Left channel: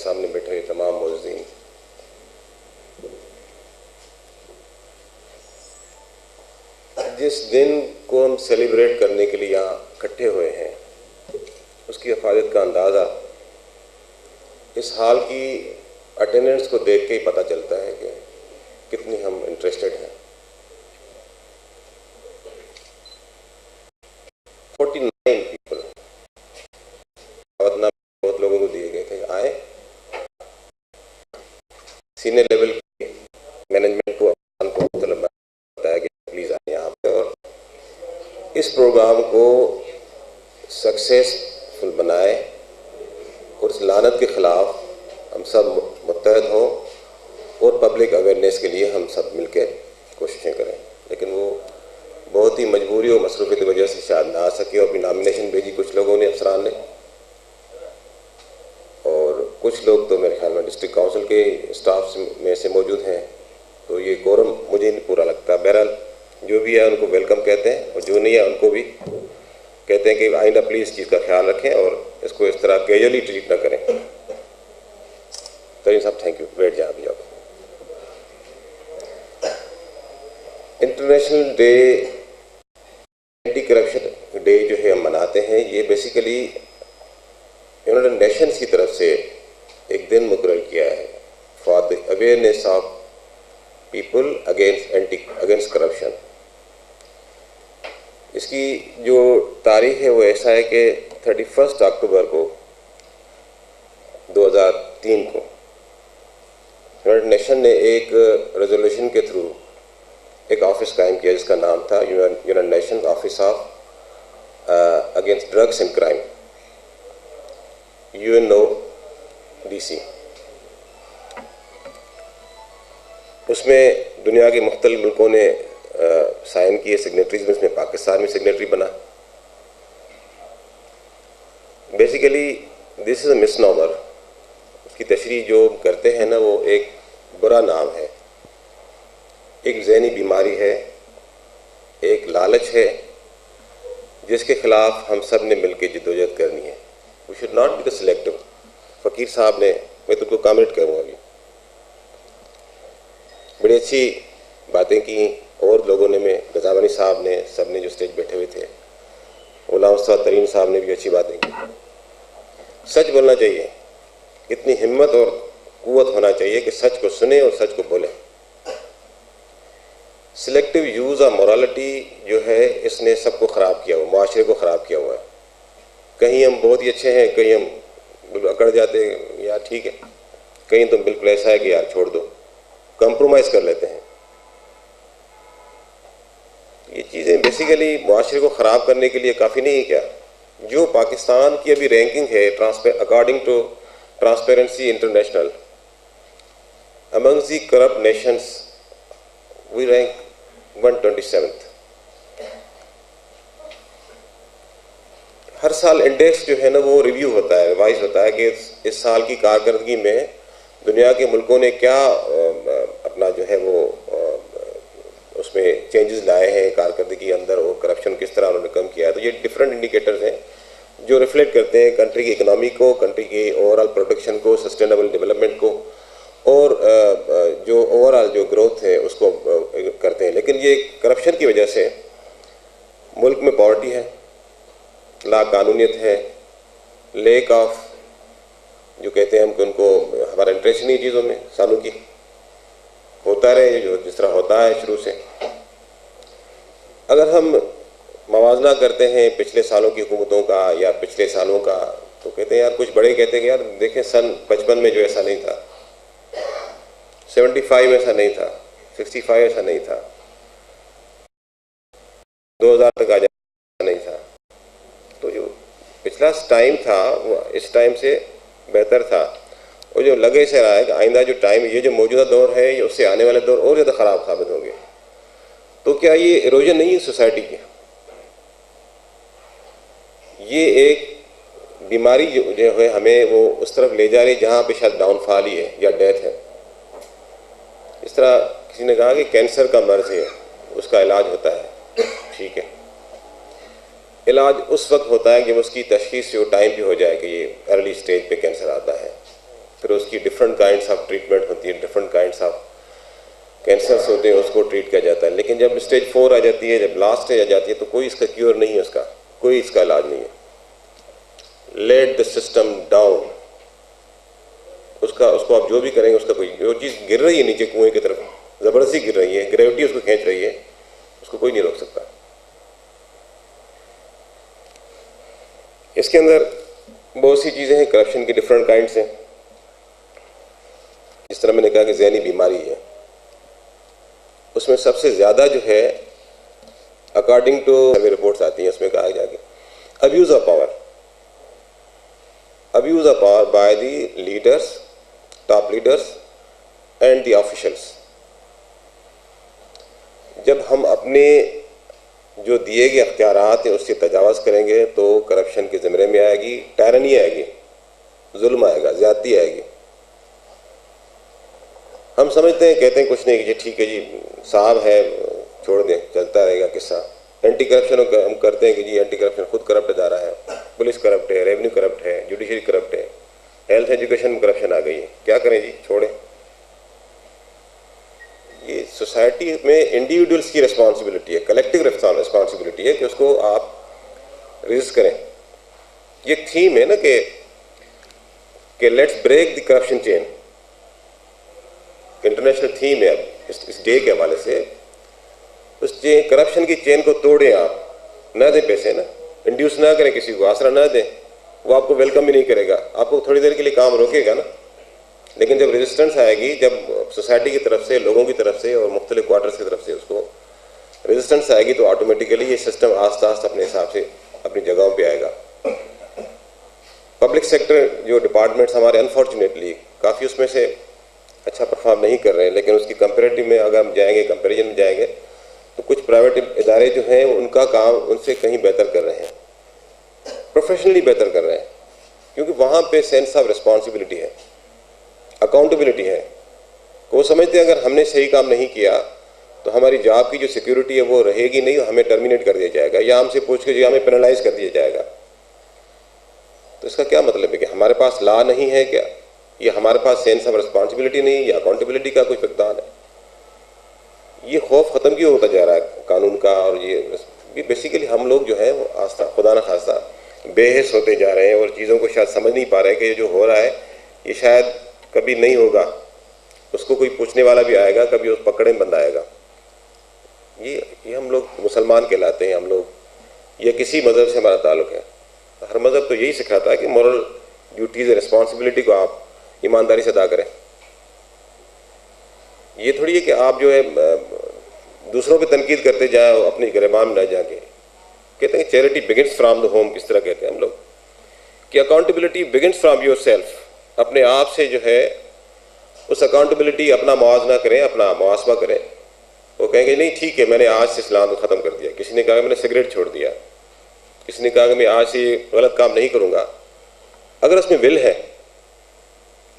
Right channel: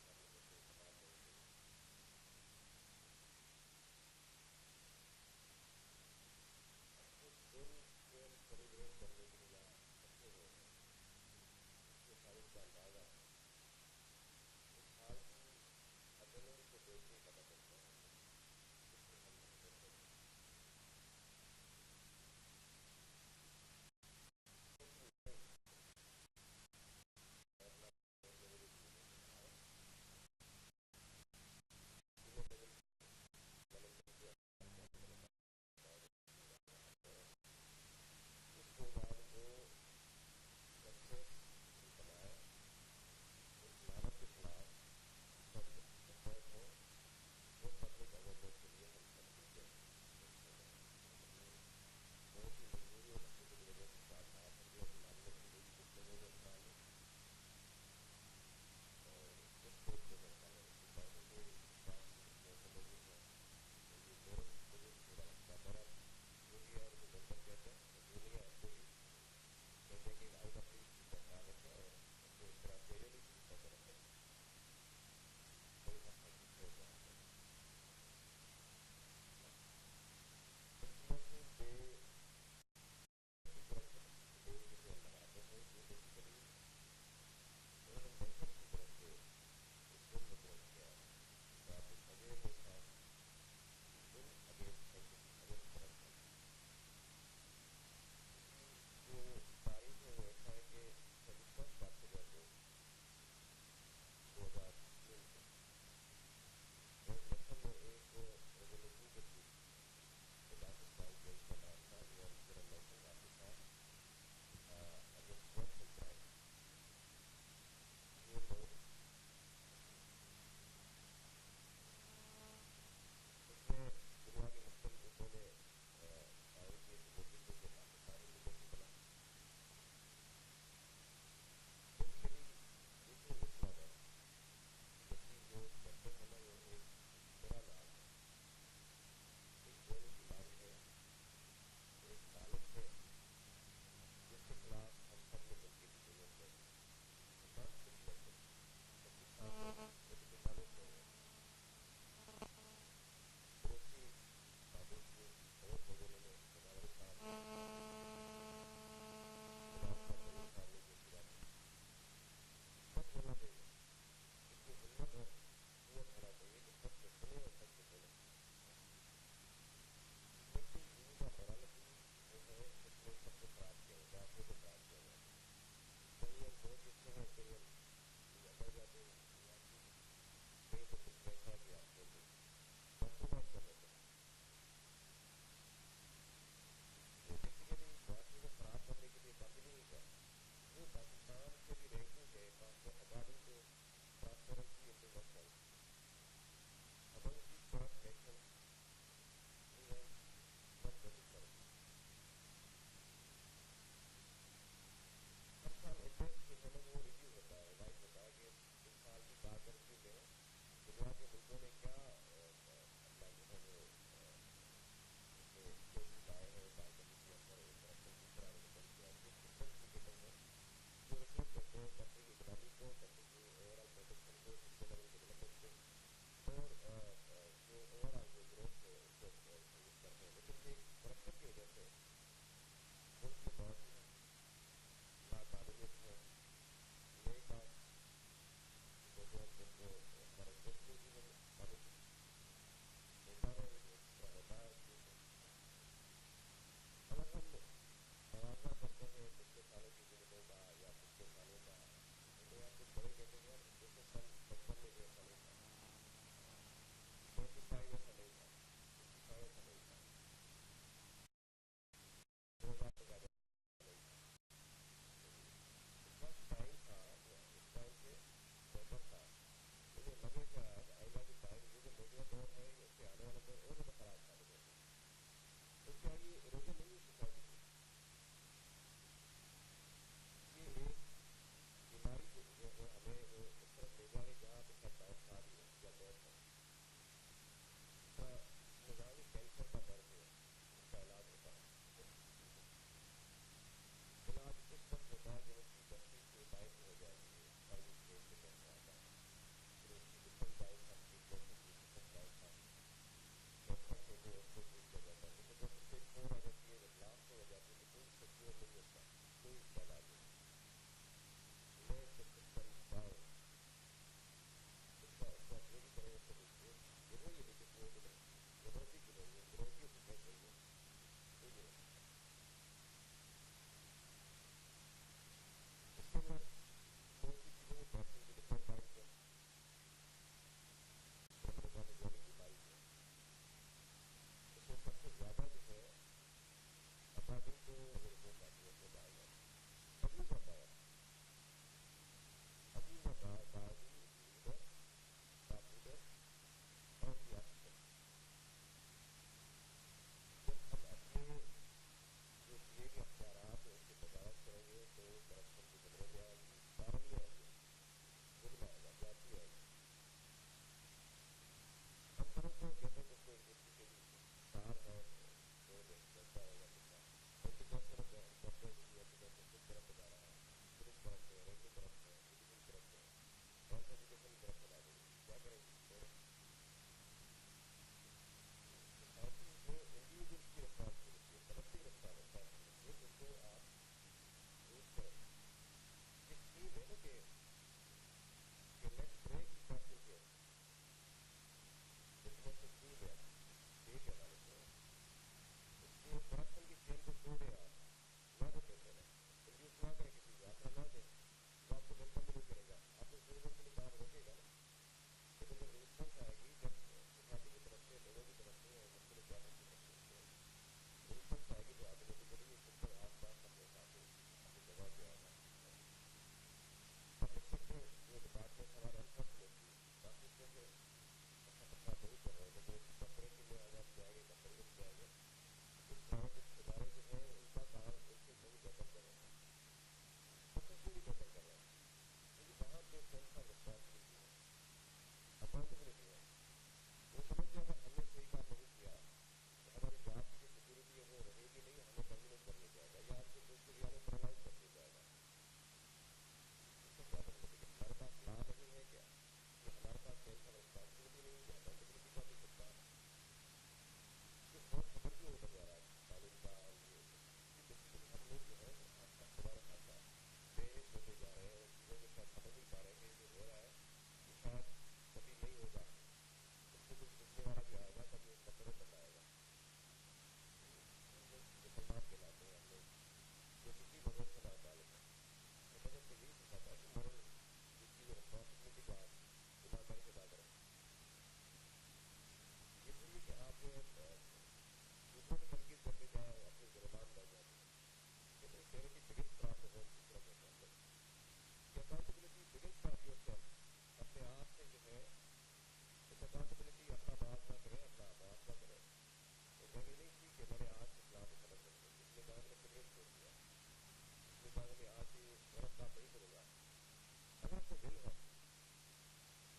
सामने बैठे हुए तमाम मौजूदीन, जिस दिन को हम सेलिब्रेट करने के लिए यहाँ इकट्ठे हुए हैं, उसकी अफादियत का अंदाज़ा इस हाल की अटेंडेंस को देख के ही पता चलता है कि कितनी हम इंटरेस्टेड हैं। 49 पीपल बहुत लोगों को दिए गए थे, आए सीनियर लेवल के मैनेजमेंट को बताया कि प्लीज़ आए यहाँ पे और इस प्रोग्राम को सक्सेसफुल बनाए और इस लानत के ख़िलाफ़ हम सब मुत्तहद हों और पब्लिक अवेयरनेस के लिए हम सब मिलकर कोशिशें करें। लेकिन वो बहुत ही मजबूरी और मसरूफ़ी की वजह से शायद ना आ सके और अपनी नॉमिनेशन भेजी कुछ लोगों ने, अफसरान ने, और कुछ लोग तो मेरे ख्याल में डिस्ट्रिक्ट काउंसिल के स्टाफ में से मौजूद हैं, तो ये कोरम मुझे नहीं पूरा लगता। बहरहाल जो भी है उनको वेलकम कहते हैं और जो नहीं है उनको भी कहते हैं कि आइंदा प्लीज़ इस चीज़ का ख्याल रखें और इसको इस तरह कैजुअली ट्रीट ना करें। तो साहब थैंक यू, बैठ जाए अभी आप। International day anti corruption day जो है हम मनाते हैं, ये बेसिकली यूनाइटेड नेशंस की तरफ से एक दिन मुकर्रर किया है for the awareness of people against corruption. इसकी जो तारीख है वो ऐसा है कि 31 अक्टूबर को 2003 को यूनाइटेड नेशन ने एक रेजोल्यूशन के थ्रू एक ऑफिस कायम किया जिसका नाम था United nation office of against drugs and crime, UNODC। उसमें दुनिया के मुख्तलिफ मुल्कों ने साइन किए, सिग्नेटरीज में, इसमें पाकिस्तान में सिग्नेटरी बना। Basically this is a misnomer. उसकी तशरीह जो करते हैं ना, वो एक बुरा नाम है, एक ज़हनी बीमारी है, एक लालच है जिसके ख़िलाफ़ हम सब ने मिलकर जद्दोजहद करनी है। We should not be the selective. फ़कीर साहब ने, मैं तुमको कमेंट करूँगा अभी, बड़ी अच्छी बातें की और लोगों ने, में रज़ावानी साहब ने, सब ने जो स्टेज बैठे हुए थे, गुलाम मुस्तफ़ा तरीन साहब ने भी अच्छी बातें की। सच बोलना चाहिए, इतनी हिम्मत और क़ुव्वत होना चाहिए कि सच को सुने और सच को बोलें। सिलेक्टिव यूज़ ऑफ मोरालिटी जो है, इसने सबको ख़राब किया हुआ, माशरे को ख़राब किया हुआ है। कहीं हम बहुत ही अच्छे हैं, कहीं हम अकड़ जाते हैं, यार ठीक है, कहीं तो बिल्कुल ऐसा है कि यार छोड़ दो, कंप्रोमाइज़ कर लेते हैं। ये चीज़ें बेसिकली माशरे को ख़राब करने के लिए काफ़ी नहीं है क्या? जो पाकिस्तान की अभी रैंकिंग है according to Transparency International, among the corrupt nations we rank 127th। हर साल इंडेक्स जो है ना वो रिव्यू होता है, रिवाइज होता है कि इस साल की कारकर्दगी में दुनिया के मुल्कों ने क्या अपना जो है वो उसमें चेंजेस लाए हैं कारकर्दगी के अंदर, और करप्शन किस तरह उन्होंने कम किया है। तो ये डिफरेंट इंडिकेटर्स हैं जो रिफ्लेक्ट करते हैं कंट्री की इकनॉमी को, कंट्री की ओवरऑल प्रोडक्शन को, सस्टेनेबल डेवलपमेंट को, और जो ओवरऑल जो ग्रोथ है उसको करते हैं। लेकिन ये करप्शन की वजह से मुल्क में पॉवर्टी है, लाकानूनियत है, लेक ऑफ जो कहते हैं हम कि उनको हमारा इंटरेस्ट नहीं चीज़ों में, सालों की होता रहे जो जिस तरह होता है शुरू से। अगर हम मवाजना करते हैं पिछले सालों की हुकूमतों का या पिछले सालों का, तो कहते हैं यार, कुछ बड़े कहते हैं कि यार देखें सन 55 में जो ऐसा नहीं था, 75 ऐसा नहीं था, 65 ऐसा नहीं था, 2000 तक आ जाए नहीं था। तो जो पिछला टाइम था वो इस टाइम से बेहतर था, और जो लगे से रहा है कि आइंदा जो टाइम, ये जो मौजूदा दौर है, ये उससे आने वाले दौर और ज़्यादा ख़राब साबित होंगे। तो क्या ये इरोजन नहीं है सोसाइटी की? ये एक बीमारी जो है हमें वो उस तरफ ले जा रही है जहाँ पे शायद डाउनफॉल ही है या डेथ है। इस तरह किसी ने कहा कि कैंसर का मर्ज़ है, उसका इलाज होता है, ठीक है, इलाज उस वक्त होता है जब उसकी तशख़ीस जो टाइम पे हो जाए कि ये अर्ली स्टेज पे कैंसर आता है। फिर उसकी डिफरेंट काइंड्स ऑफ ट्रीटमेंट होती है, डिफरेंट काइंड्स ऑफ कैंसर्स होते हैं, उसको ट्रीट किया जाता है। लेकिन जब स्टेज 4 आ जाती है, जब लास्ट स्टेज आ जाती है, तो कोई इसका क्योर नहीं है, उसका कोई इसका इलाज नहीं है। लेट द सिस्टम डाउन, उसको आप जो भी करेंगे उसका कोई, जो चीज़ गिर रही है नीचे कुएं की तरफ, ज़बरदस्ती गिर रही है, ग्रेविटी उसको खींच रही है, उसको कोई नहीं रोक सकता। इसके अंदर बहुत सी चीज़ें हैं, करप्शन की डिफरेंट काइंड्स हैं। जिस तरह मैंने कहा कि ज़हनी बीमारी है, उसमें सबसे ज़्यादा जो है, अकॉर्डिंग टू हमें रिपोर्ट्स आती हैं, उसमें कहा गया कि abuse of power by the leaders, top leaders and the officials. जब हम अपने जो दिए गए अख्तियारात हैं उससे तजावज़ करेंगे तो करप्शन के ज़मरे में आएगी, टायरनी आएगी, जुल्म आएगा, ज़्यादती आएगी। हम समझते हैं, कहते हैं कुछ नहीं कि ठीक है जी, साहब है, छोड़ दें, चलता रहेगा किस्सा। एंटी करप्शन हम करते हैं कि जी एंटी करप्शन खुद करप्ट इदारा है, पुलिस करप्ट है, रेवेन्यू करप्ट है, जुडिशरी करप्ट है, हेल्थ एजुकेशन में करप्शन आ गई है, क्या करें जी, छोड़ें। ये सोसाइटी में इंडिविजुअल्स की रिस्पॉन्सिबिलिटी है, कलेक्टिव रिस्पॉन्सिबिलिटी है कि उसको आप रेजिस्ट करें। ये थीम है ना कि let's break the corruption chain, international theme है अब इस डे के हवाले से। उस करप्शन की चेन को तोड़ें, आप ना दें पैसे, ना इंड्यूस ना करें, किसी को आसरा ना दें, वो आपको वेलकम भी नहीं करेगा, आपको थोड़ी देर के लिए काम रोकेगा ना। लेकिन जब रेजिस्टेंस आएगी, जब सोसाइटी की तरफ से, लोगों की तरफ से और मुख्तलिफ क्वार्टर्स की तरफ से उसको रेजिस्टेंस आएगी, तो ऑटोमेटिकली ये सिस्टम आस्ता आस्ता अपने हिसाब से अपनी जगहों पे आएगा। पब्लिक सेक्टर जो डिपार्टमेंट्स हमारे अनफॉर्चुनेटली काफ़ी उसमें से अच्छा परफॉर्म नहीं कर रहे हैं, लेकिन उसकी कंपेरेटिव में अगर हम जाएंगे, कंपेरिजन में जाएंगे, तो कुछ प्राइवेट इदारे जो हैं उनका काम उनसे कहीं बेहतर कर रहे हैं, प्रोफेशनली बेहतर कर रहे हैं, क्योंकि वहाँ पे सेंस ऑफ रिस्पॉन्सिबिलिटी है, अकाउंटेबिलिटी है। वो समझते हैं अगर हमने सही काम नहीं किया तो हमारी जॉब की जो सिक्योरिटी है वो रहेगी नहीं, हमें टर्मिनेट कर दिया जाएगा या हमसे पूछ के जो हमें पेनलाइज कर दिया जाएगा। तो इसका क्या मतलब है कि हमारे पास लॉ नहीं है क्या, या हमारे पास सेंस ऑफ रिस्पॉन्सिबिलिटी नहीं, या अकाउंटेबिलिटी का कोई फकदान है? ये खौफ ख़त्म क्यों होता जा रहा है कानून का? और ये बेसिकली हम लोग जो है वो आस्था खुदा न खास्ता बेहिस होते जा रहे हैं और चीज़ों को शायद समझ नहीं पा रहे कि ये जो हो रहा है ये शायद कभी नहीं होगा, उसको कोई पूछने वाला भी आएगा, कभी उस पकड़े में बंद आएगा। ये हम लोग मुसलमान कहलाते हैं, हम लोग, ये किसी मज़हब से हमारा ताल्लुक़ है। हर मज़हब तो यही सिखाता है कि मॉरल ड्यूटीज़ रिस्पॉन्सिबिलिटी को आप ईमानदारी से अदा करें। ये थोड़ी है कि आप जो है दूसरों पे तनकीद करते जाओ, अपनी गिरबान में न जाके। कहते हैं charity begins from the home, किस तरह कहते हैं हम लोग कि accountability begins from your self. अपने आप से जो है उस अकाउंटेबिलिटी, अपना मुआवजा करें, अपना मुआसबा करें। वो कहेंगे नहीं ठीक है, मैंने आज से इस्लाम को ख़त्म कर दिया, किसी ने कहा मैंने सिगरेट छोड़ दिया, किसी ने कहा कि मैं आज से गलत काम नहीं करूँगा। अगर उसमें विल है,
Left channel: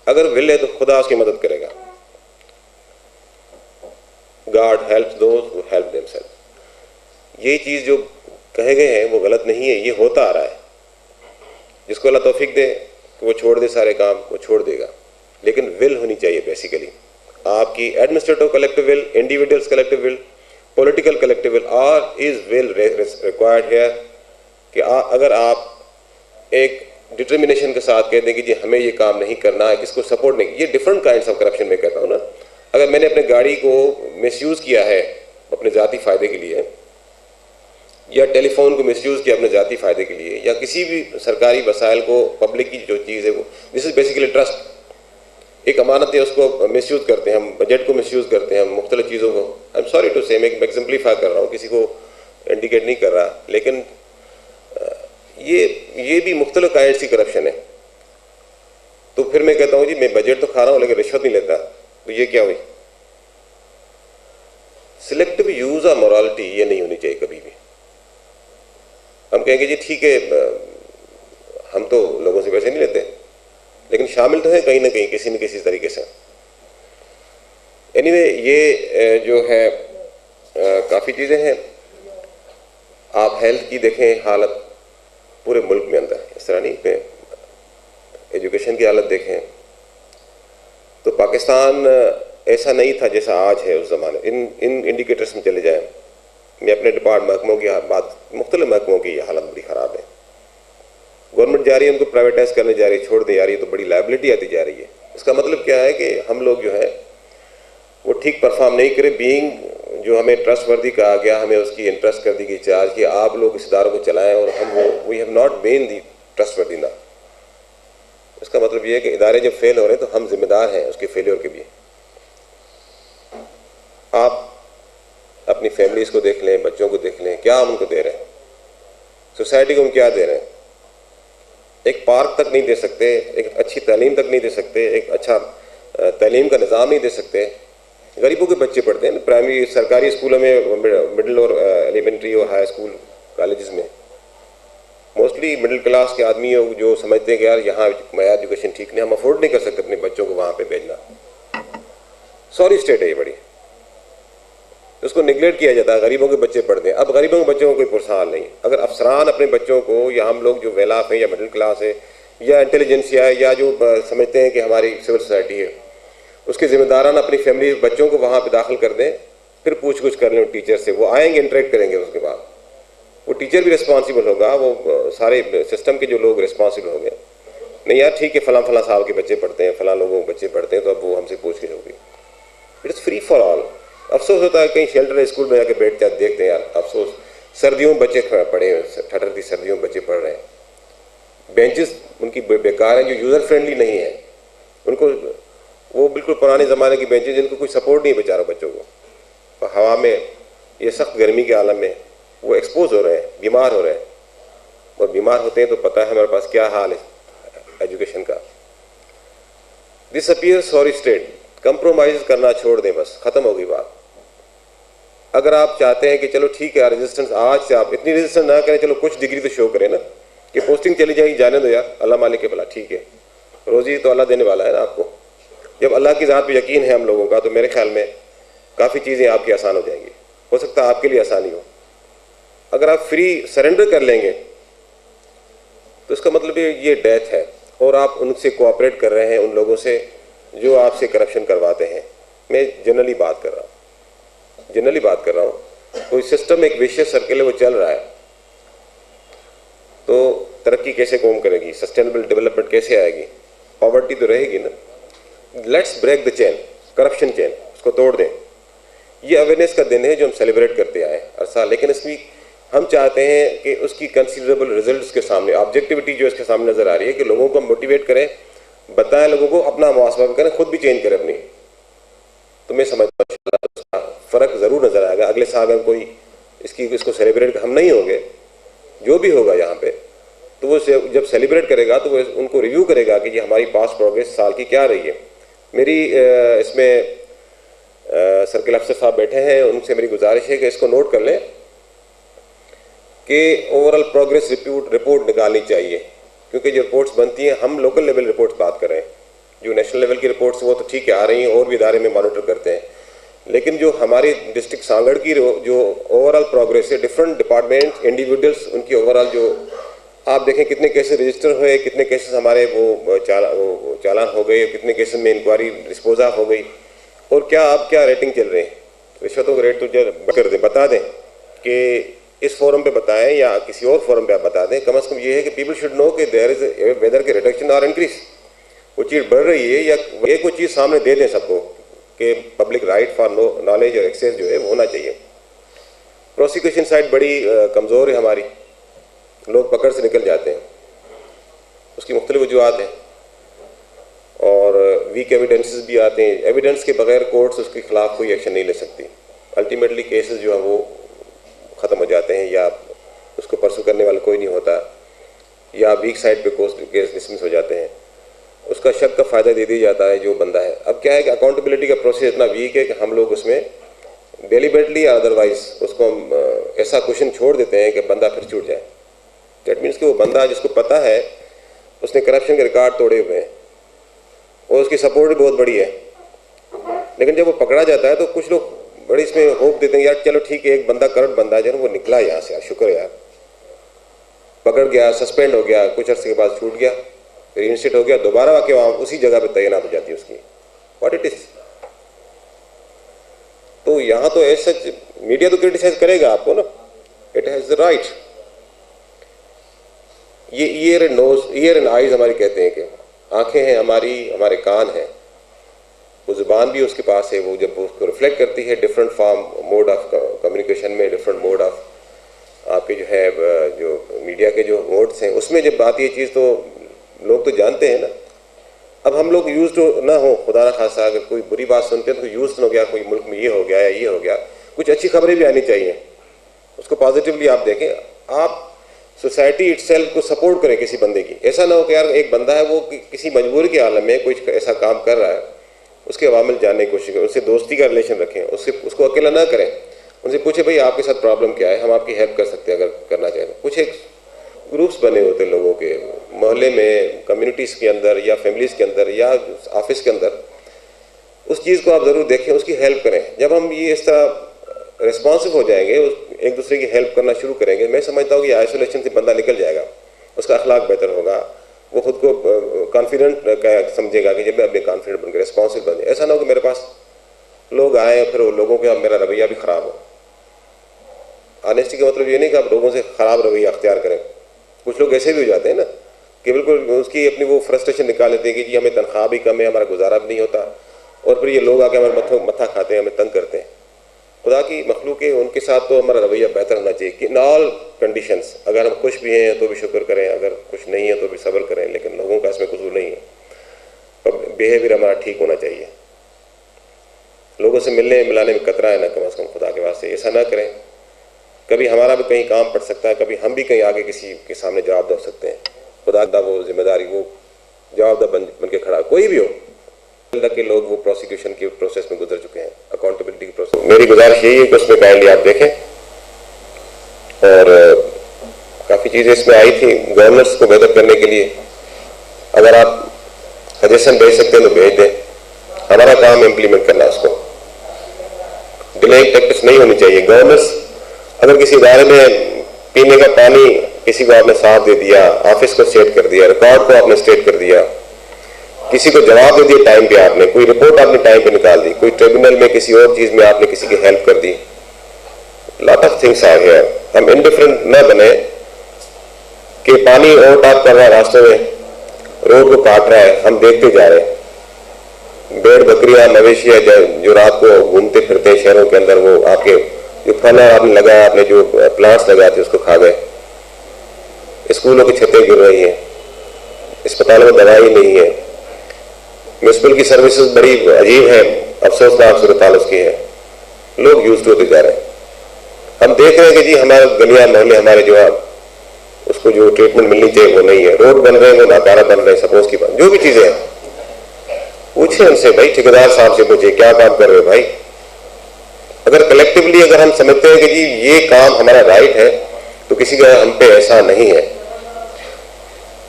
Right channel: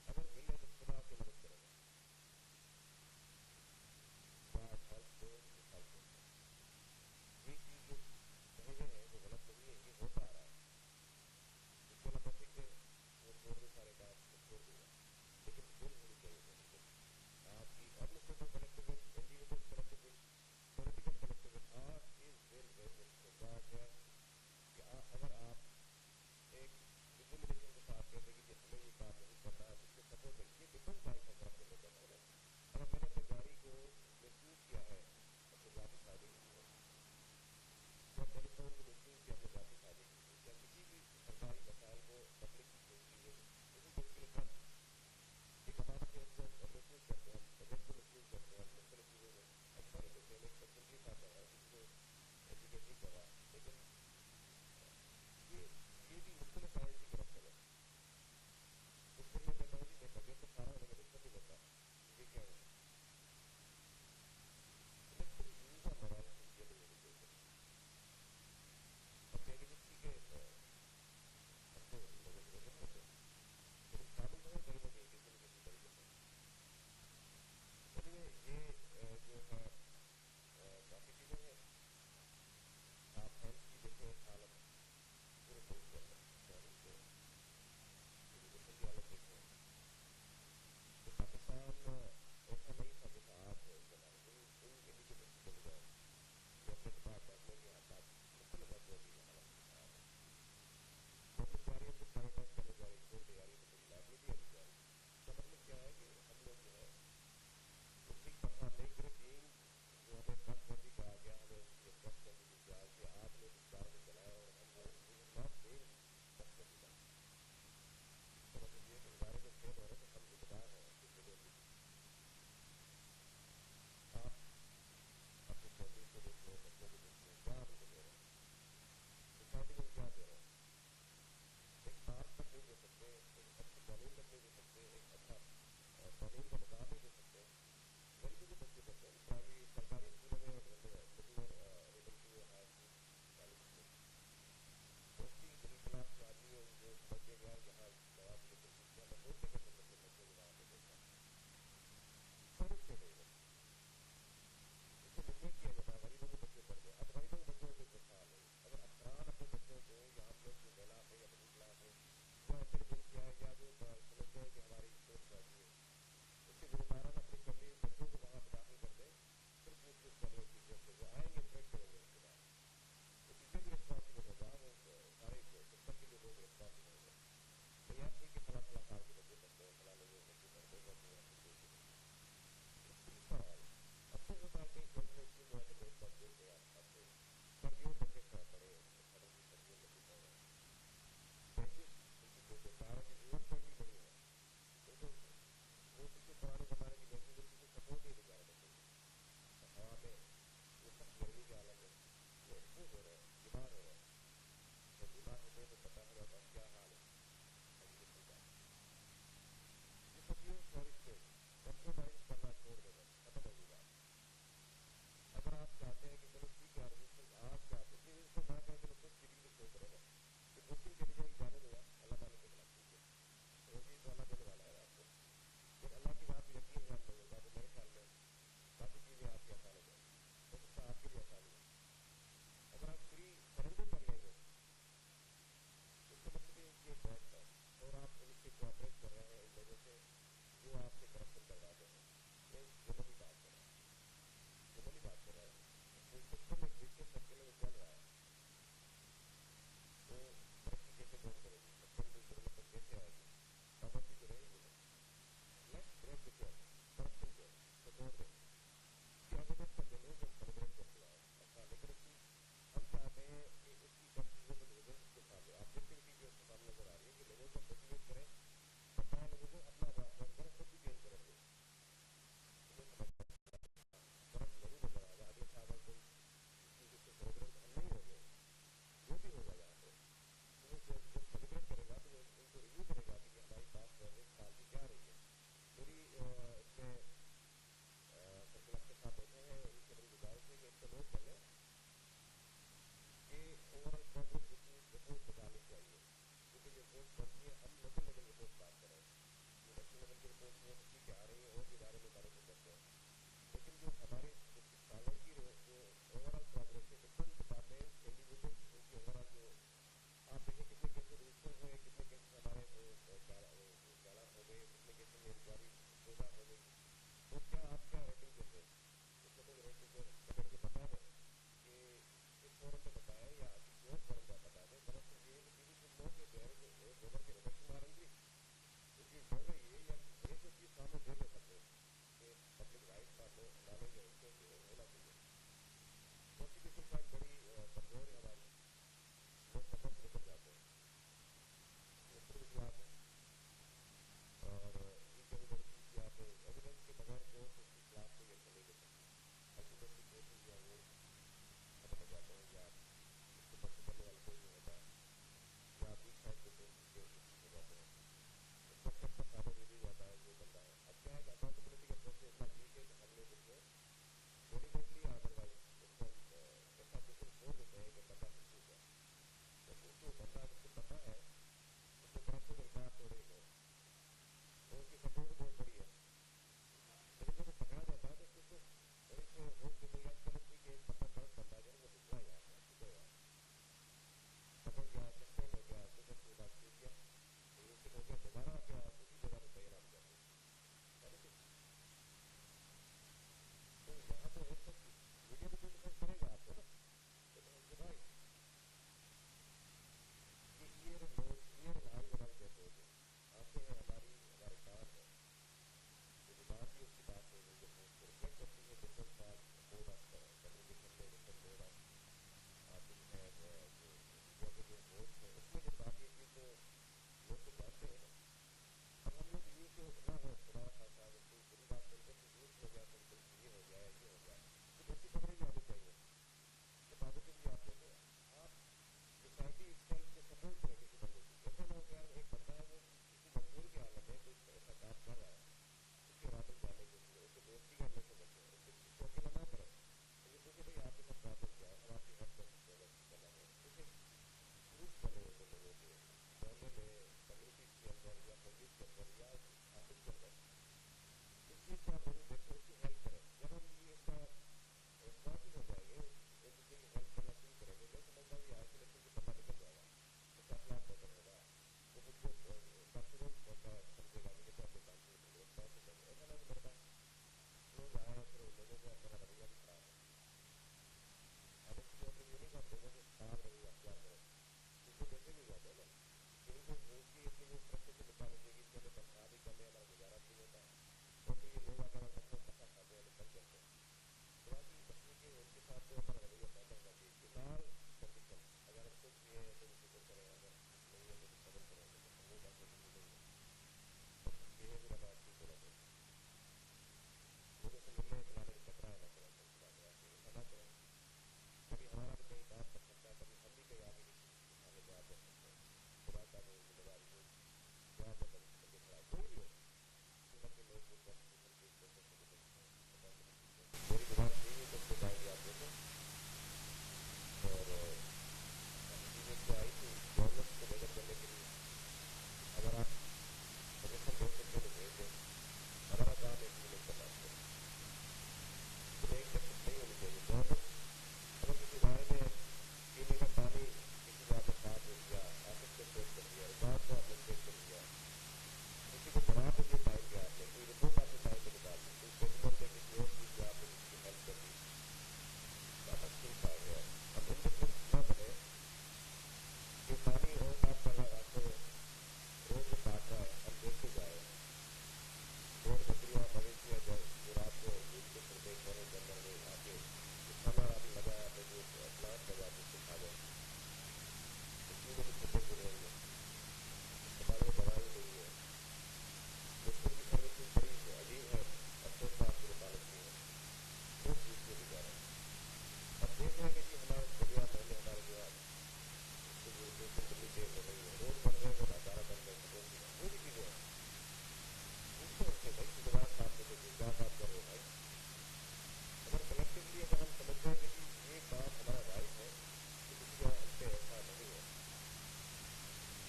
अगर विल है तो खुदा उसकी मदद करेगा। God helps those who help themselves. ये चीज़ जो कहे गए हैं वो गलत नहीं है, ये होता आ रहा है। जिसको अल्लाह तौफीक दे कि वो छोड़ दे सारे काम, वो छोड़ देगा, लेकिन विल होनी चाहिए। बेसिकली आपकी administrative collective will, individuals collective will, political collective will, और इज विल रिक्वायर्ड है कि अगर आप एक डिटर्मिनेशन के साथ कहते हैं कि जी हमें ये काम नहीं करना है, किसको सपोर्ट नहीं, ये डिफरेंट काइंड्स ऑफ करप्शन में कहता हूँ ना। अगर मैंने अपने गाड़ी को मिसयूज़ किया है अपने ज़ाती फ़ायदे के लिए, या टेलीफोन को मिसयूज़ किया अपने ज़ाती फ़ायदे के लिए, या किसी भी सरकारी वसाइल को, पब्लिक की जो चीज़ है वो, दिस इज़ बेसिकली ट्रस्ट। एक अमानत है, उसको मिसयूज़ करते हैं हम, बजट को मिसयूज़ करते हैं हम, मुख्तलिफ चीज़ों को। आई एम सॉरी टू से, मैं एग्जाम्पलीफाई कर रहा हूँ, किसी को इंडिकेट नहीं कर रहा, लेकिन ये भी मुख्तलिफ काइंड्स की करप्शन है। तो फिर मैं कहता हूँ जी मैं बजट तो खा रहा हूँ लेकिन रिश्वत नहीं लेता, तो ये क्या हुई? सिलेक्टिव यूज़ ऑफ मोरालिटी ये नहीं होनी चाहिए कभी भी। हम कहेंगे जी ठीक है, हम तो लोगों से पैसे नहीं लेते, लेकिन शामिल तो है कहीं ना कहीं, किसी न किसी तरीके से। एनीवे, ये जो है काफ़ी चीज़ें हैं। आप हेल्थ की देखें हालत पूरे मुल्क में अंदर, इस तरह नहीं पे, एजुकेशन की हालत देखें, पाकिस्तान ऐसा नहीं था जैसा आज है उस ज़माने। इन इंडिकेटर्स में चले जाएं, मैं अपने डिपार्टमेंट महकमों की बात, मुख्तलिफ महकमों की हालत बड़ी ख़राब है। गवर्नमेंट जा रही है उनको प्राइवेटाइज करने जा रही है, छोड़ दे जा रही है, तो बड़ी लायबिलिटी आती जा रही है। इसका मतलब क्या है कि हम लोग जो है वो ठीक परफॉर्म नहीं करें। बीइंग जो हमें ट्रस्टवर्दी कहा गया, हमें उसकी इंटरेस्ट कर दी गई चार्ज कि आप लोग इस इदारों को चलाएं, और हम we have not been the trustworthy ना। इसका मतलब ये है कि इदारे जब फेल हो रहे हैं तो हम जिम्मेदार हैं उसके फेलियर के भी। आप अपनी फैमिलीज को देख लें, बच्चों को देख लें, क्या हम उनको दे रहे हैं, सोसाइटी को हम क्या दे रहे हैं। एक पार्क तक नहीं दे सकते, एक अच्छी तालीम तक नहीं दे सकते, एक अच्छा तालीम का निज़ाम नहीं दे सकते। गरीबों के बच्चे पढ़ते हैं प्राइमरी सरकारी स्कूलों में, मिडिल और एलिमेंट्री और हाई स्कूल कॉलेजेस में। मोस्टली मिडिल क्लास के आदमी जो समझते हैं कि यार यहाँ मयार एजुकेशन ठीक नहीं, हम अफोर्ड नहीं कर सकते अपने बच्चों को वहाँ पे भेजना। सॉरी स्टेट है ये बड़ी, उसको निगलेक्ट किया जाता है। गरीबों के बच्चे पढ़ते हैं। अब गरीबों के बच्चों को कोई पुरसाल नहीं। अगर अफसरान अपने बच्चों को, या हम लोग जो वेलाफ हैं या मिडिल क्लास है या इंटेलिजेंसिया है या जो समझते हैं कि हमारी सिविल सोसाइटी है, उसके जिम्मेदारान अपनी फैमिली बच्चों को वहाँ पे दाखिल कर दें, फिर पूछ कुछ कर लें टीचर से। वो आएंगे, इंटरेक्ट करेंगे, उसके बाद वो टीचर भी रिस्पॉन्सिबल होगा, वो सारे सिस्टम के जो लोग रिस्पॉन्सिबल होंगे। नहीं यार ठीक है, फलां फलां साहब के बच्चे पढ़ते हैं, फलां लोगों के बच्चे पढ़ते हैं, तो अब वो हमसे पूछ के होगी। It is free for all. अफसोस होता है कहीं शेल्टर स्कूल में जाके बैठते हैं, देखते हैं यार अफसोस, सर्दियों में बच्चे पढ़े हैं, ठंडी सर्दियों में बच्चे पढ़ रहे हैं, बेंचेस उनकी बेकार हैं, जो यूज़र फ्रेंडली नहीं है। उनको वो बिल्कुल पुराने ज़माने की बेंचेस जिनको कोई सपोर्ट नहीं बेचारा बच्चों को। हवा में ये सख्त गर्मी के आलम में वो एक्सपोज हो रहे हैं, बीमार हो रहे हैं, और बीमार होते हैं तो पता है हमारे पास क्या हाल है एजुकेशन का। This appear sorry state. Compromise करना छोड़ दें, बस ख़त्म हो गई बात। अगर आप चाहते हैं कि चलो ठीक है रेजिस्टेंस, आज से आप इतनी रेजिस्टेंस ना करें, चलो कुछ डिग्री तो शो करें ना कि पोस्टिंग चली जाएगी, जाने दो यार, अल्लाह मालिक के भला, ठीक है, रोज़ी तो अल्लाह देने वाला है ना आपको। जब अल्लाह की ज़ात पे यकीन है हम लोगों का, तो मेरे ख्याल में काफ़ी चीज़ें आपकी आसान हो जाएंगी। हो सकता है आपके लिए आसानी हो। अगर आप फ्री सरेंडर कर लेंगे तो इसका मतलब ये डेथ है, और आप उनसे कोऑपरेट कर रहे हैं, उन लोगों से जो आपसे करप्शन करवाते हैं। मैं जनरली बात कर रहा हूँ, कोई सिस्टम एक विशियस सर्किल है वो चल रहा है, तो तरक्की कैसे कौम करेगी, सस्टेनेबल डेवलपमेंट कैसे आएगी, पॉवर्टी तो रहेगी ना। Let's break the chain, corruption chain, उसको तोड़ दें। ये अवेयरनेस का दिन है जो हम सेलिब्रेट करते आए हर साल, लेकिन इसमें हम चाहते हैं कि उसकी कंसिडरेबल रिजल्ट्स के सामने, ऑब्जेक्टिविटी जो इसके सामने नज़र आ रही है, कि लोगों को मोटिवेट करें, बताएं लोगों को, अपना मुहासबा करें, खुद भी चेंज करें अपनी। तो मैं समझता हूँ फ़र्क ज़रूर नज़र आएगा। अगले साल अगर कोई इसको सेलिब्रेट हम नहीं होंगे, जो भी होगा यहाँ पे, तो वो जब सेलिब्रेट करेगा तो वो उनको रिव्यू करेगा कि ये हमारी पास्ट प्रोग्रेस साल की क्या रही है। मेरी इसमें सर्किल अफसर साहब बैठे हैं, उनसे मेरी गुजारिश है कि इसको नोट कर लें कि ओवरऑल प्रोग्रेस रिपोर्ट निकालनी चाहिए, क्योंकि जो रिपोर्ट्स बनती हैं, हम लोकल लेवल रिपोर्ट्स बात कर रहे हैं, जो नेशनल लेवल की रिपोर्ट्स वो तो ठीक है आ रही हैं, और भी इदारे में मॉनिटर करते हैं, लेकिन जो हमारी डिस्ट्रिक्ट सांगड़ की जो ओवरऑल प्रोग्रेस है, डिफरेंट डिपार्टमेंट्स, इंडिविजुअल्स, उनकी ओवरऑल जो आप देखें कितने केसेस रजिस्टर हुए, कितने केसेस हमारे वो चालान हो गए, कितने केसेस में इंक्वायरी डिस्पोज ऑफ हो गई, और क्या रेटिंग चल रही है। रिश्वतों का रेट तो कर दें, बता दें कि इस फोरम पे बताएं या किसी और फोरम पे आप बता दें। कम से कम ये है कि पीपल शुड नो कि देयर इज वेदर के रिडक्शन और इंक्रीज, वो चीज़ बढ़ रही है या एक कोई चीज़ सामने दे दें सबको कि पब्लिक राइट फॉर नॉलेज और एक्सेस जो है वो होना चाहिए। प्रोसिक्यूशन साइड बड़ी कमज़ोर है हमारी, लोग पकड़ से निकल जाते हैं, उसकी मुख्तलिफ वजूहत हैं, और वीक एविडेंसेस भी आते हैं। एविडेंस के बगैर कोर्ट्स उसके खिलाफ कोई एक्शन नहीं ले सकती। अल्टीमेटली केसेस जो है वो ख़त्म हो जाते हैं, या उसको परसू करने वाला कोई नहीं होता, या वीक साइड पे केस डिसमिस हो जाते हैं, उसका शक का फ़ायदा दे दिया जाता है जो बंदा है। अब क्या है कि अकाउंटेबिलिटी का प्रोसेस इतना वीक है कि हम लोग उसमें डेलिबरेटली या अदरवाइज उसको हम ऐसा क्वेश्चन छोड़ देते हैं कि बंदा फिर छूट जाए। दैट मीन्स कि वो बंदा जिसको पता है उसने करप्शन के रिकॉर्ड तोड़े हुए हैं और उसकी सपोर्ट भी बहुत बड़ी है, लेकिन जब वो पकड़ा जाता है तो कुछ लोग बड़ी इसमें होप देते हैं, यार चलो ठीक है एक बंदा करप्ट बंदा जो है वो निकला यहाँ से, यार शुक्र यार, पकड़ गया, सस्पेंड हो गया, कुछ अर्से के बाद छूट गया, फिर इंस्टेट हो गया, दोबारा आके वहाँ उसी जगह पे तैनात हो जाती है उसकी। व्हाट इट इज यहाँ तो ऐसा मीडिया तो क्रिटिसाइज करेगा आपको ना, इट हैज़ द राइट। ये ईयर एंड आइज हमारी कहते हैं कि आंखें हैं हमारी, हमारे कान हैं, वो ज़ुबान भी उसके पास है, वो जब उसको रिफ्लेक्ट करती है different form mode of communication में, डिफरेंट मोड ऑफ आपके जो है जो मीडिया के जो मोड्स हैं, उसमें जब आती है चीज़ तो लोग तो जानते हैं ना। अब हम लोग यूज़ तो ना हो, खुदा ना खासा अगर कोई बुरी बात सुनते हैं तो यूज़ हो गया, कोई मुल्क में ये हो गया या ये हो गया, कुछ अच्छी खबरें भी आनी चाहिए, उसको पॉजिटिवली आप देखें। आप सोसाइटी इटसेल्फ को सपोर्ट करें किसी बंदे की, ऐसा ना हो कि यार एक बंदा है वो किसी मजबूरी के आलम में कुछ ऐसा काम कर रहा है, उसके अवामिल जानने की कोशिश करें, उससे दोस्ती का रिलेशन रखें, उसको अकेला ना करें, उनसे पूछे भाई आपके साथ प्रॉब्लम क्या है, हम आपकी हेल्प कर सकते हैं अगर करना चाहें। कुछ एक ग्रुप्स बने होते हैं लोगों के, मोहल्ले में, कम्युनिटीज़ के अंदर या फैमिलीज़ के अंदर या ऑफिस के अंदर, उस चीज़ को आप ज़रूर देखें, उसकी हेल्प करें। जब हम ये इस तरह रिस्पॉन्सिव हो जाएंगे, एक दूसरे की हेल्प करना शुरू करेंगे, मैं समझता हूँ कि आइसोलेशन से बंदा निकल जाएगा, उसका अखलाक बेहतर होगा, वो खुद को कॉन्फिडेंट समझेगा कि जब मैं अपने कॉन्फिडेंट बनकर रिस्पॉन्सिबल बन जाए। ऐसा ना हो कि मेरे पास लोग आए फिर वो लोगों का मेरा रवैया भी ख़राब हो। ऑनेस्टी का मतलब ये नहीं कि आप लोगों से ख़राब रवैया अख्तियार करें। कुछ लोग ऐसे भी हो जाते हैं ना कि बिल्कुल उसकी अपनी वो फ्रस्ट्रेशन निकाल लेते हैं कि जी हमें तनख्वाह भी कम है, हमारा गुजारा भी नहीं होता, और फिर ये लोग आके हमारे मत्था खाते हैं, हमें तंग करते हैं। खुदा की मखलूक है, उनके साथ तो हमारा रवैया बेहतर होना चाहिए कि इन ऑल कंडीशंस, अगर हम खुश भी हैं तो भी शुक्र करें, अगर कुछ नहीं है तो भी सब्र करें, लेकिन लोगों का इसमें कसूर नहीं है, पर बिहेवियर हमारा ठीक होना चाहिए। लोगों से मिलने मिलाने में कतरा है ना, कम से कम खुदा के वास्ते ऐसा ना करें। कभी हमारा भी कहीं काम पड़ सकता है, कभी हम भी कहीं आगे किसी के सामने जवाब दे सकते हैं। खुदा का वो जिम्मेदारी, वो जवाबदार बन के खड़ा, कोई भी हो। तक के लोग वो प्रोसिक्यूशन के प्रोसेस में गुजर चुके हैं, अकाउंटेबिलिटी की प्रोसेस। मेरी गुजारिश यही है कि उसमें काइंडली आप देखें, और काफ़ी चीज़ें इसमें आई थी गवर्नर्स को बेहतर करने के लिए। अगर आप सजेशन भेज सकते हैं तो भेज दें, हमारा काम इम्प्लीमेंट करना, उसको डिलेइंग प्रैक्टिस नहीं होनी चाहिए। गवर्नर्स अगर किसी इदारे में पीने का पानी किसी को आपने साफ दे दिया, ऑफिस को सेट कर दिया, रिकॉर्ड को आपने स्टेट कर दिया, किसी को जवाब दे दिया टाइम पे, आपने कोई रिपोर्ट आपने टाइम पे निकाल दी, कोई ट्रिब्यूनल में किसी और चीज़ में आपने किसी की हेल्प कर दी, लॉट ऑफ थिंग्स आ गया। हम इंडिफरेंट न बने कि पानी ओवरटॉप कर रहा है रास्तों में, रोड को काट रहा है, हम देखते जा रहे हैं। भेड़ बकरियां मवेशी है जो रात को घूमते फिरते हैं शहरों के अंदर, वो आपके जो फल आपने लगाया, आपने जो प्लांट्स लगाए थे उसको खा गए। स्कूलों की छतें गिर रही हैं, अस्पतालों में दवाई नहीं है, म्यूनसिपल की सर्विसेज बड़ी अजीब है, अफसोसनाक सूरत हाल उसकी है, लोग यूज होते जा रहे हैं। हम देख रहे हैं कि जी हमारे गलियां मोहल्ले हमारे जो उसको जो ट्रीटमेंट मिलनी चाहिए वो नहीं है, रोड बन रहे हैं वो नाकारा बन रहे हैं, सपोज की बात जो भी चीजें हैं, पूछे उनसे, भाई ठेकेदार साहब से पूछे क्या काम कर रहे हो भाई। अगर कलेक्टिवली अगर हम समझते हैं कि जी ये काम हमारा राइट है, तो किसी का हम पे ऐसा नहीं है,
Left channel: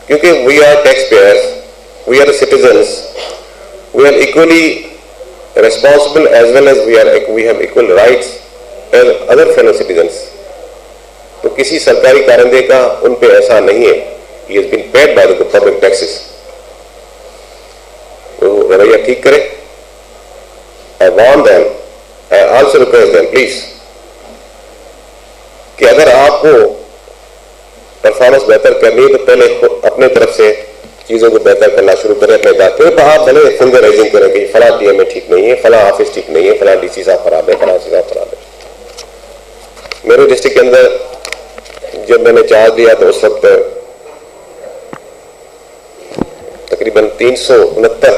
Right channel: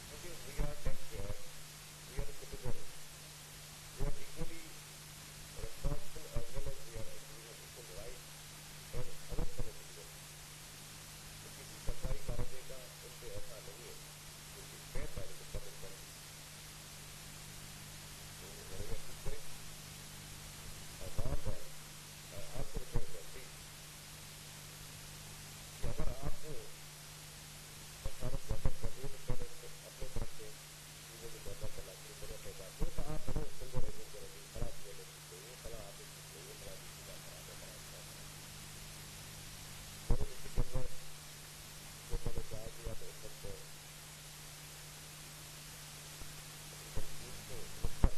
क्योंकि we are tax payers, we are citizens, we are equally responsible as well as we have equal rights as other fellow citizens। तो किसी सरकारी कारिंदे का उन पे ऐसा नहीं है, he has been paid by the public taxes। तो रवैया ठीक करें। I warn them, I also request them please कि अगर आपको परफॉर्मेंस बेहतर करनी है तो पहले अपने तरफ से चीज़ों को बेहतर करना शुरू करें अपने दायित्व पर। आप भले फिंगर रेजिंग करें कि फला टीएम में ठीक नहीं है, फला ऑफिस ठीक नहीं है, फला डीसी साहब खराब है, फला साहब खराब है। मेरे डिस्ट्रिक्ट के अंदर जब मैंने चार्ज लिया तो उस वक्त तकरीबन 369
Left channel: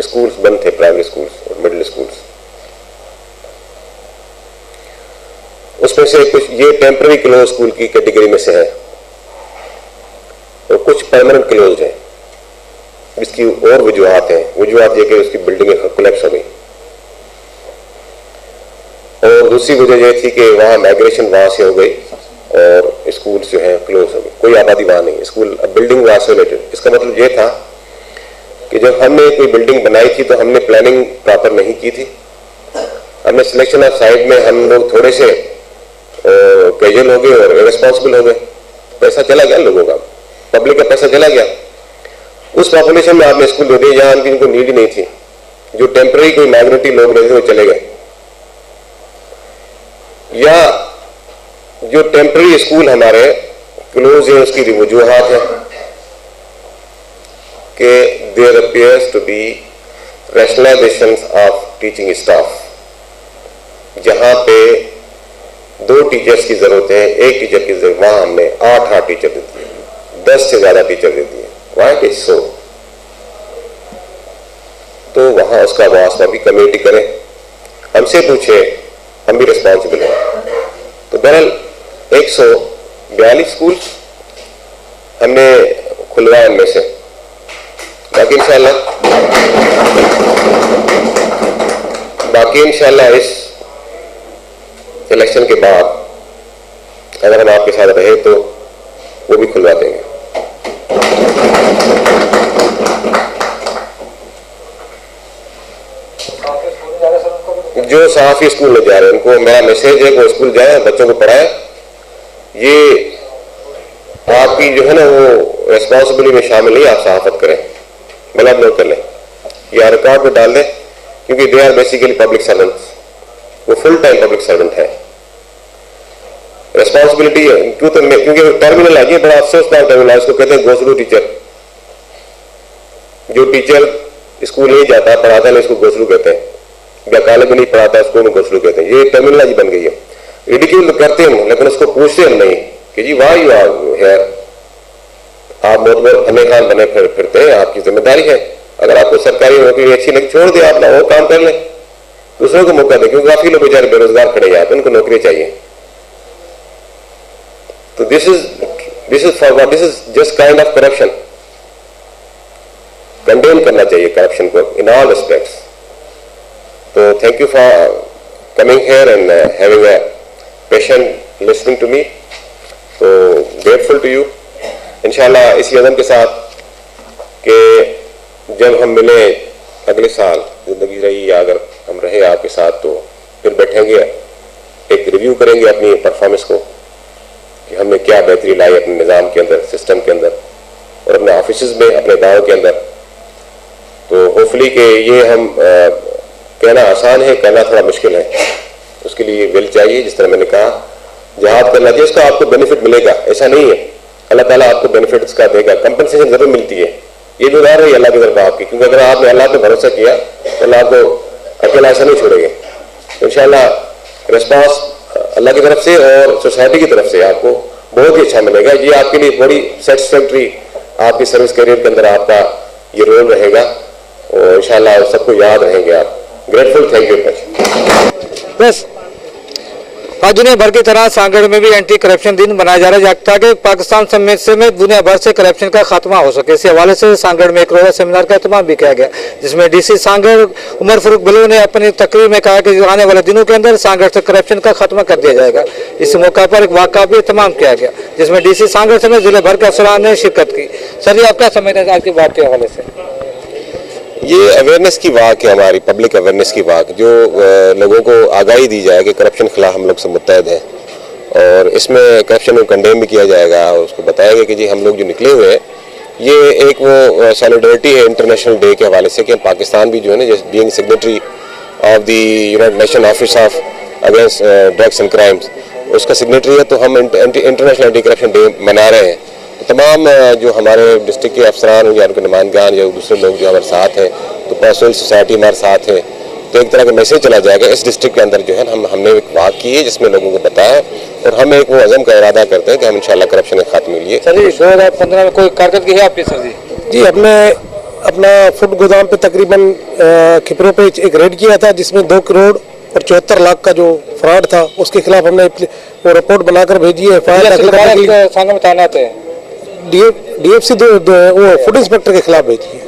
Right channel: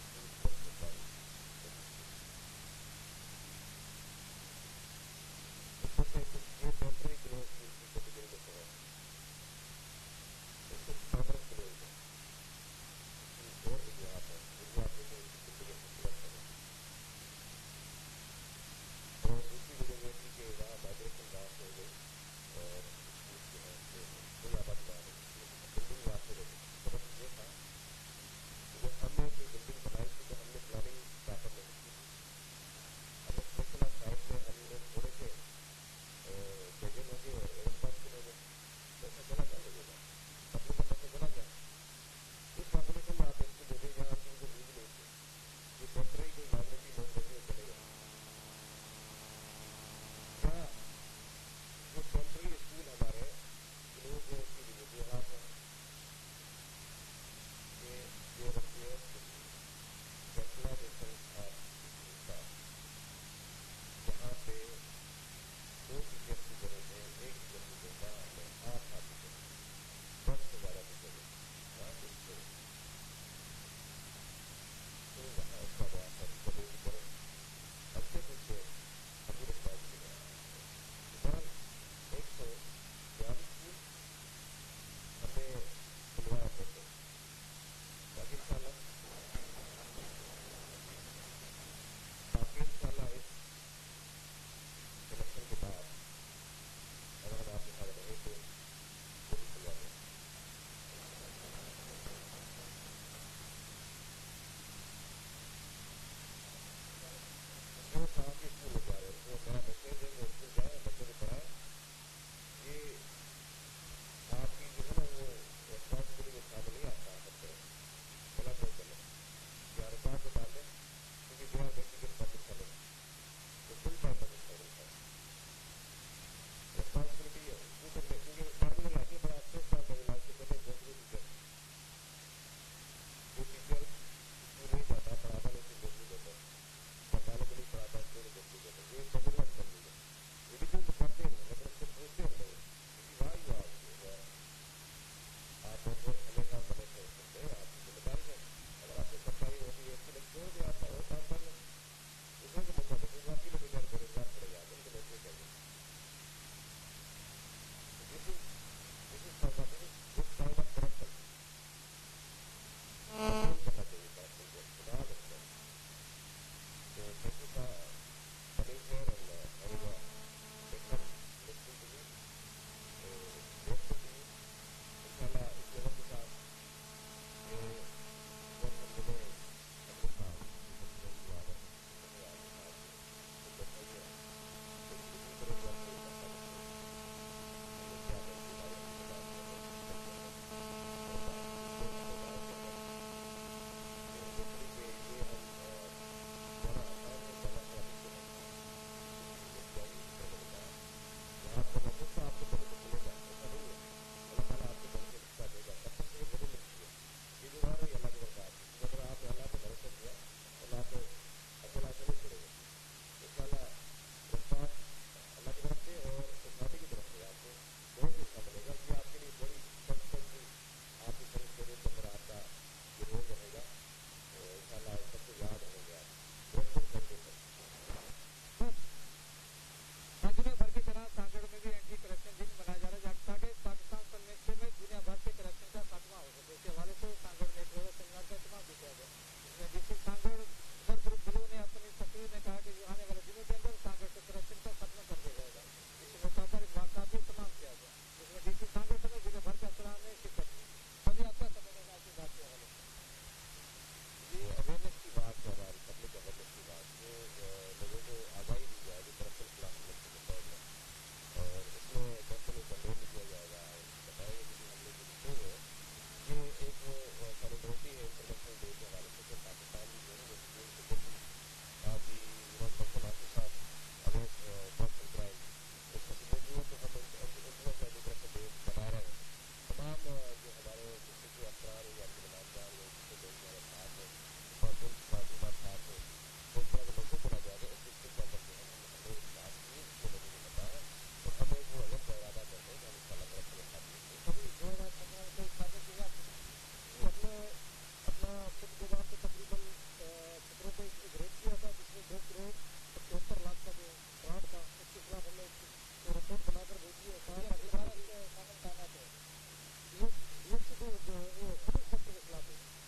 स्कूल्स बंद थे, प्राइमरी स्कूल्स और मिडिल स्कूल्स। उसमें से कुछ ये टेम्पररी क्लोज स्कूल की कैटेगरी में से है और कुछ परमानेंट क्लोज है। इसकी और वजूहत है, वजूहत यह कि उसकी बिल्डिंगें कोलैप्स हो गई, और दूसरी वजह यह थी कि वहाँ माइग्रेशन वहाँ से हो गई और स्कूल जो है क्लोज हो गए, कोई आबादी वहाँ नहीं, स्कूल बिल्डिंग वहाँ आइसोलेटेड। इसका मतलब ये था कि जब हमने कोई बिल्डिंग बनाई थी तो हमने प्लानिंग प्रॉपर नहीं की थी, हमने सिलेक्शन ऑफ साइट में हम लोग थोड़े से कैजुअल हो गए और इरेस्पॉन्सिबल हो गए। पैसा चला गया लोगों का, पब्लिक का पैसा चला गया, उस पॉपुलेशन में आपने स्कूल दे दिए जहाँ इनको नीड ही नहीं थी। जो टेम्पररी कोई माइग्रेटी लोग रहते थे वो चले गए, या जो टेम्पररी स्कूल हमारे क्लोज है उसकी वजूहात है कि there appears to be rationalisation of teaching staff. जहां पे 2 टीचर्स की जरूरत है, 1 टीचर की जरूरत, वहां हमने 8 टीचर दे दिए, 10 से ज्यादा टीचर दे दिए। Why it is so? तो वहां उसका मुआवजा भी कमेटी करें, हमसे पूछे, हम भी रिस्पॉन्सिबल हैं। तो बहरहाल 142 स्कूल हमने खुलवाए, उनमें से बाकी इंशाल्लाह इस इलेक्शन के बाद अगर हम आपके साथ रहे तो वो भी खुलवा देंगे। जो सहाफी स्कूल में जा रहे हैं उनको मेरा मैसेज है कि वो स्कूल जाए, बच्चों को पढ़ाए। ये आपकी जो है ना वो रिस्पॉन्सिबिलिटी में शामिल नहीं, आप सहाफत करें, मतलब नोट कर लें या रिकॉर्ड में डाल दें, क्योंकि they are basically public servants, वो फुल टाइम पब्लिक सर्वेंट है। रिस्पॉन्सिबिलिटी है क्योंकि टर्मिनल आ गया, बड़ा अफसोसनाक टर्मिनल है, इसको कहते हैं गोसलू टीचर। जो टीचर स्कूल नहीं जाता, पढ़ाता नहीं, इसको गोसलू कहते हैं, या कॉलेज में नहीं पढ़ाता उसको गोसलू कहते हैं। ये टर्मिनोलॉजी बन गई है। रिडिक्यूल करते हैं लेकिन उसको पूछते हम नहीं कि जी वाह यू आर हियर, आप मोतबर फने खान बने फिरते हैं, आपकी जिम्मेदारी है। अगर आपको सरकारी नौकरी अच्छी लगी छोड़ दे, आप ना वो काम कर लें, दूसरों को मौका दें, क्योंकि काफी लोग बेचारे बेरोजगार खड़े हैं, उनको नौकरी चाहिए। तो this is just kind of corruption. Condemn करना चाहिए करप्शन को इन ऑल रिस्पेक्ट्स। तो thank you for coming here and having a patient listening to me. तो ग्रेटफुल टू यू। इंशाल्लाह इसी अज़म के साथ कि जब हम मिले अगले साल, जिंदगी रही या अगर हम रहे आपके साथ, तो फिर बैठेंगे, एक रिव्यू करेंगे अपनी परफॉर्मेंस को कि हमने क्या बेहतरी लाई अपने निज़ाम के अंदर, सिस्टम के अंदर और अपने ऑफिस में, अपने दावों के अंदर। तो होपफुली कि ये हम कहना आसान है, करना थोड़ा मुश्किल है। उसके लिए विल चाहिए, जिस तरह मैंने कहा, जहाद करना चाहिए, उसका आपको बेनिफिट मिलेगा, ऐसा नहीं है। अल्लाह ताला आपको बेनिफिट इसका देगा, कंपनसेशन जरूर मिलती है। ये भी उधार है अल्लाह की तरफ आपकी, क्योंकि अगर आपने अल्लाह पे भरोसा किया तो अल्लाह आपको अकेला ऐसा नहीं छोड़ेंगे। तो इंशाल्लाह रिस्पॉन्स अल्लाह की तरफ से और सोसाइटी की तरफ से आपको बहुत ही अच्छा मिलेगा। ये आपके लिए बड़ी सेटिस्फैक्ट्री आपकी सर्विस करियर के अंदर आपका ये रोल रहेगा और इंशाल्लाह सबको याद रहेंगे आप। Grateful, thank you much. बस आज दुनिया भर की तरह सांगड़ में भी एंटी करप्शन दिन मनाया जा रहा है ताकि पाकिस्तान समेत दुनिया भर से करप्शन का खात्मा हो सके। इसी हवाले से सांगड़ में एक रोजा सेमिनार का एहतमाम भी किया गया, जिसमें डीसी सांगड़ उमर फारूक बिलो ने अपनी तकरीर में कहा कि आने वाले दिनों के अंदर सांगड़ से करप्शन का खात्मा कर दिया जाएगा। इस मौका पर एक वाक़ा भी एहतमाम किया गया, जिसमें डीसी सांगड़ समेत जिले भर के अफसरान ने शिरकत की। सर जी, आप क्या समझते हैं आज की बात के हवाले से? ये अवेयरनेस की वाक है, हमारी पब्लिक अवेयरनेस की वाक, जो लोगों को आगाही दी जाए कि करप्शन के खिलाफ हम लोग से मुत्तहद हैं और इसमें करप्शन को कंडेम भी किया जाएगा। और उसको बताएगा कि जी हम लोग जो निकले हुए हैं, ये एक वो सॉलिडरिटी है इंटरनेशनल डे के हवाले से कि पाकिस्तान भी जो है ना, just being signatory of the United nation office of against drugs and crimes, उसका सिग्नेटरी है। तो हम इंटरनेशनल एंटी करप्शन डे मना रहे हैं। तमाम जो हमारे डिस्ट्रिक्ट के अफसरान या उनके नुमाइंदगान या दूसरे लोग जो हमारे साथ हैं, तो पर्सनल सोसाइटी हमारे साथ है, तो एक तरह का मैसेज चला जाएगा इस डिस्ट्रिक्ट के अंदर जो है हमने एक बात की है जिसमें लोगों को बताया और हम एक वो अज़म का इरादा करते हैं कि हम इंशाल्लाह करप्शन के खात्मे के लिए। सर जी, 2015 में कोई कारकर्दगी है आपकी? सर जी, हमने अपना फूड गोदाम पे तकरीबन खिपरों पे एक रेड किया था, जिसमें 2 करोड़ और 74 लाख का जो फ्रॉड था, उसके खिलाफ हमने वो रिपोर्ट बनाकर भेजी है। DFC वो फूड इंस्पेक्टर के खिलाफ भेजी है।